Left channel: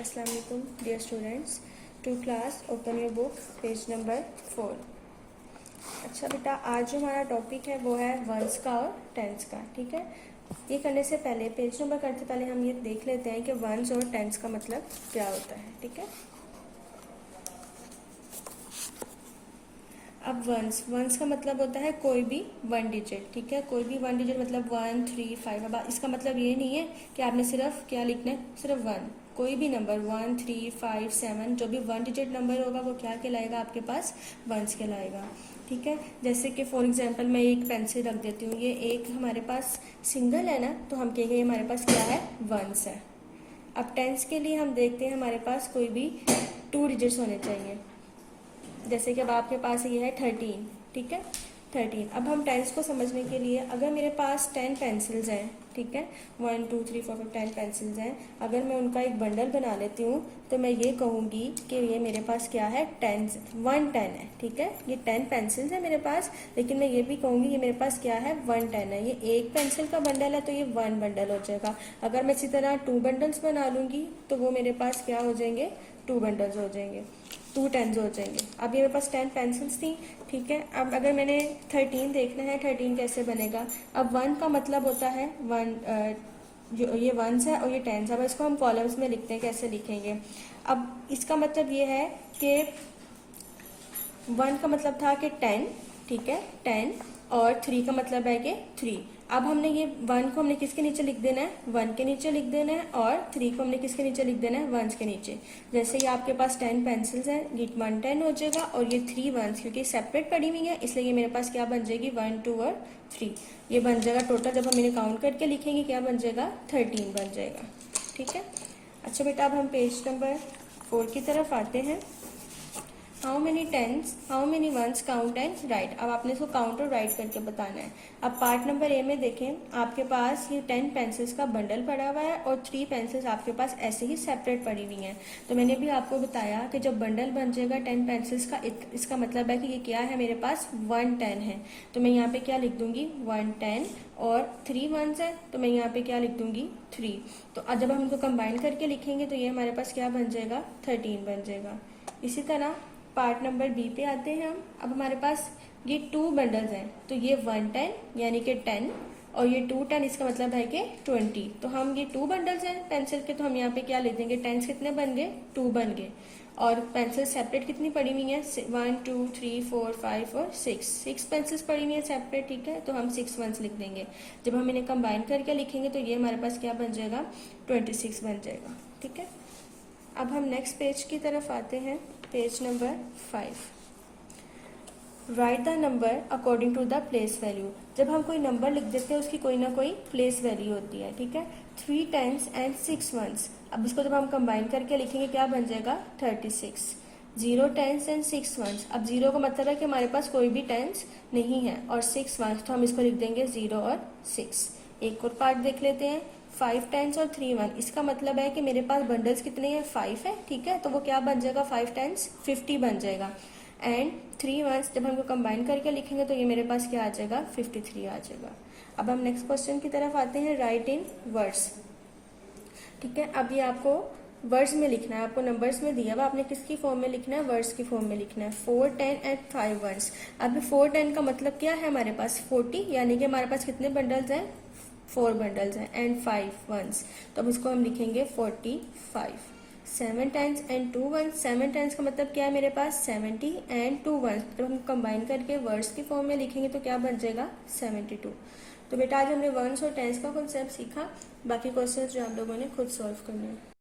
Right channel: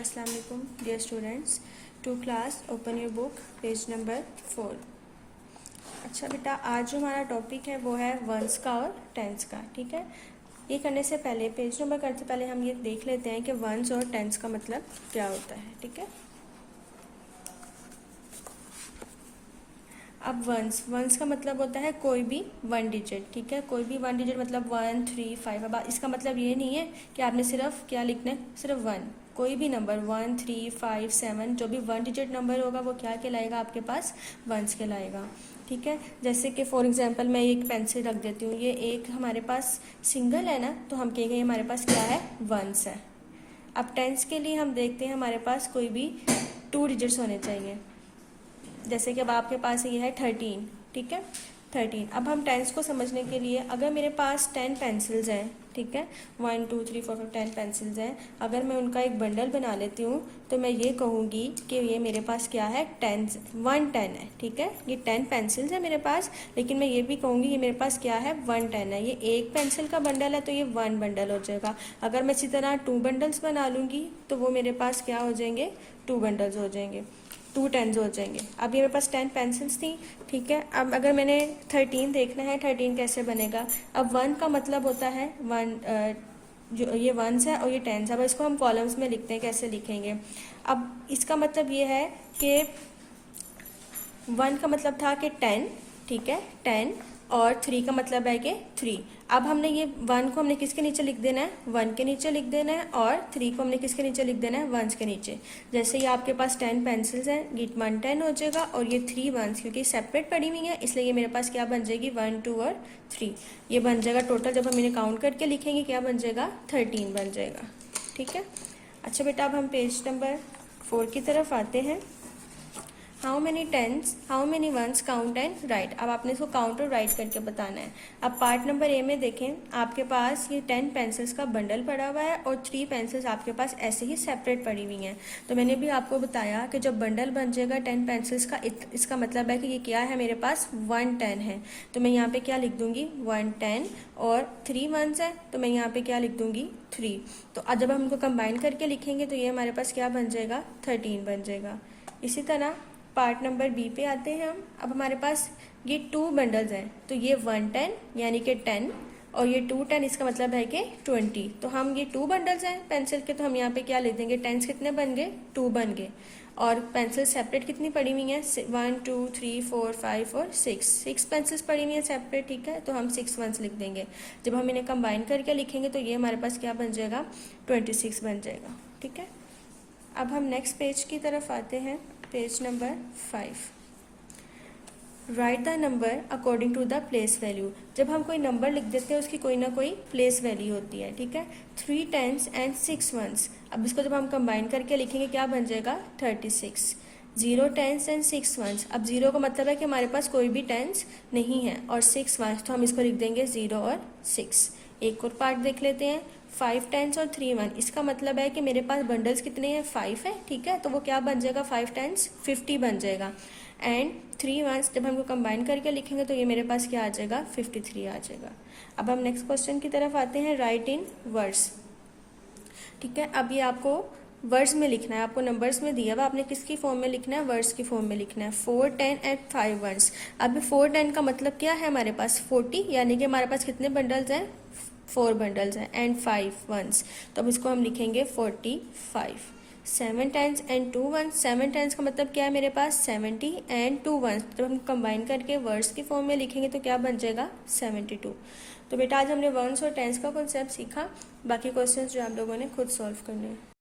अस्सलाम वालेकुम dear students. To class open your book page number 4। अच्छा बेटा, आज जो हमारा टॉपिक है वो है वंस का और टेंस का। ठीक है, ये करने से पहले, पेज नंबर करने से पहले हम ये देख लेते हैं कि वंस और टेंस का मतलब क्या होता है। ठीक है, अब वंस का मतलब होता है कोई भी वन डिजिट। ठीक है, कोई भी वन डिजिट मतलब 1, 3, 5। अब इसका मतलब ये नहीं है कि आपने सिर्फ क्या लिखना है, सिर्फ वन। कोई भी नंबर 1, 3, 5, 7 जो भी वन डिजिट नंबर होगा वो क्या कहलाएगा, आपके पास वंस कहलाएगा। ठीक है, जैसे कि फॉर एग्जांपल मैं एक पेंसिल रख देती हूँ, ये एक हमारे पास सिंगल है ना, तो हम कहेंगे हमारे पास क्या है, वंस है। अब टेंस के लिए हम देखते हैं हमारे पास कोई भी 2 डिजिट्स होने चाहिए। जैसे कि अब आपके पास ये है 13। ठीक है, 13। अब हम टेंस को समझने के लिए, अगर मेरे पास 10 पेंसिल्स हैं, ठीक है, 1, 2, 3, 4, 5, 10 पेंसिल्स हैं, अगर मैं उनका एक बंडल बना लेती हूँ तो मैं ये कहूँगी कि ये मेरे पास क्या है, 110 है। ठीक है, ये 10 पेंसिल्स है मेरे पास, लेकिन मैं ये भी कहूँगी ये मेरे पास क्या है, 110 है। ये एक पेंसिल का बंडल है तो ये 1 बंडल हो जाएगा। अगर मैं इसी तरह 2 बंडल्स बना लूँगी तो वो मेरे पास क्या हो जाएंगे, 2 बंडल्स हो जाएंगे, 2 टेंस हो जाएंगे। अब ये मेरे पास 10 पेंसिल्स थी। ठीक है, अब अगर मैंने 13 देखना है, 13 कैसे बनेगा। अब 1 का मतलब होता है 1, जो ये वंस है और ये टेंस है। अब इसको हम कॉलम्स में लिखते हैं, कैसे लिखेंगे। अब इसका मतलब ये है कि 1 का मतलब था कि 10, ठीक है, 10, और 3 का मतलब है कि 3। अब हमने ये 1 को हमने किसके नीचे लिख देना है, 1 के नीचे लिख देना है, और 3 को हमने किसके नीचे लिख देना है, 1 के नीचे। जैसे ये आपके पास 10 पेंसिल्स हैं, ये 110 हो जाएगा, और ये 3 1, क्योंकि सेपरेट पड़ी हुई है इसलिए ये मेरे पास क्या बन जाएगी, 1, 2 और 3। ये बन जाएगा टोटल, जब हम इन्हें काउंट करके लिखेंगे क्या बन जाएगा, 13 बन जाएगा। ठीक है, अच्छा बेटा, अब हम पेज नंबर 4 की तरफ आते हैं। How many tens, how many ones, count and write. अब आपने इसको काउंट और राइट करके बताना है। अब पार्ट नंबर ए में देखें, आपके पास ये 10 पेंसिल्स का बंडल पड़ा हुआ है और 3 पेंसिल्स आपके पास ऐसे ही सेपरेट पड़ी हुई हैं। तो मैंने भी आपको बताया कि जब बंडल बन जाएगा 10 पेंसिल्स का, इसका मतलब है कि ये क्या है, मेरे पास 110 है। तो मैं यहाँ पे क्या लिख दूंगी, 110, और 3 वंस है तो मैं यहाँ पे क्या लिख दूंगी, 3। तो जब हम इनको कंबाइन करके लिखेंगे तो ये हमारे पास क्या बन जाएगा, 13 बन जाएगा। इसी तरह पार्ट नंबर बी पे आते हैं हम। अब हमारे पास ये 2 बंडल्स हैं, तो ये 110 यानी कि 10, और ये 210 इसका मतलब है कि 20। तो हम ये 2 बंडल्स हैं पेंसिल के, तो हम यहाँ पे क्या ले देंगे, टेंस कितने बन गए, 2 बन गए। और पेंसिल सेपरेट कितनी पड़ी हुई है, 1, 2, 3, 4, 5 और 6 पेंसिल्स पड़ी हुई है सेपरेट। ठीक है, तो हम 6 वंस लिख देंगे। जब हम इन्हें कंबाइन करके लिखेंगे तो ये हमारे पास क्या बन जाएगा, 26 बन जाएगा। ठीक है, अब हम नेक्स्ट पेज की तरफ आते हैं, page number 5। Write the number according to the place value. जब हम कोई नंबर लिख देते हैं उसकी कोई ना कोई प्लेस वैल्यू होती है। ठीक है, 3 टेंस एंड 6 वंस। अब इसको जब हम कंबाइन करके लिखेंगे क्या बन जाएगा, 36। 0 टेंस एंड 6 वंस। अब 0 का मतलब है कि हमारे पास कोई भी टेंस नहीं है, और 6 वंस, तो हम इसको लिख देंगे 0 और 6। एक और पार्ट देख लेते हैं, 5 टेंस और 3 1। इसका मतलब है कि मेरे पास बंडल्स कितने हैं, 5 है। ठीक है, तो वो क्या बन जाएगा, 5 टेंस 50 बन जाएगा, एंड 3 वंस जब हमको कंबाइन करके लिखेंगे तो ये मेरे पास क्या आ जाएगा, 53 आ जाएगा। अब हम नेक्स्ट क्वेश्चन की तरफ आते हैं, राइट इन वर्ड्स। ठीक है, अब ये आपको वर्ड्स में लिखना है, आपको नंबर्स में दिया हुआ, आपने किसकी फॉर्म में लिखना है, वर्ड्स की फॉर्म में लिखना है। 4, 10 एंड 5 वंस। अब 4, 10 का मतलब क्या है, हमारे पास 40, यानी कि हमारे पास कितने बंडल्स हैं, 4 बंडल्स हैं, एंड 5 वंस, तो अब इसको हम लिखेंगे 45। 7 टेंस एंड 2 वंस। 7 टेंस का मतलब क्या है, मेरे पास 70, एंड 2 वंस जब हम कंबाइन करके वर्ड्स की फॉर्म में लिखेंगे तो क्या बन जाएगा, 72। तो बेटा आज हमने वंस और टेंस का कॉन्सेप्ट सीखा। बाकी क्वेश्चंस जो आप लोगों ने खुद सॉल्व करने हैं।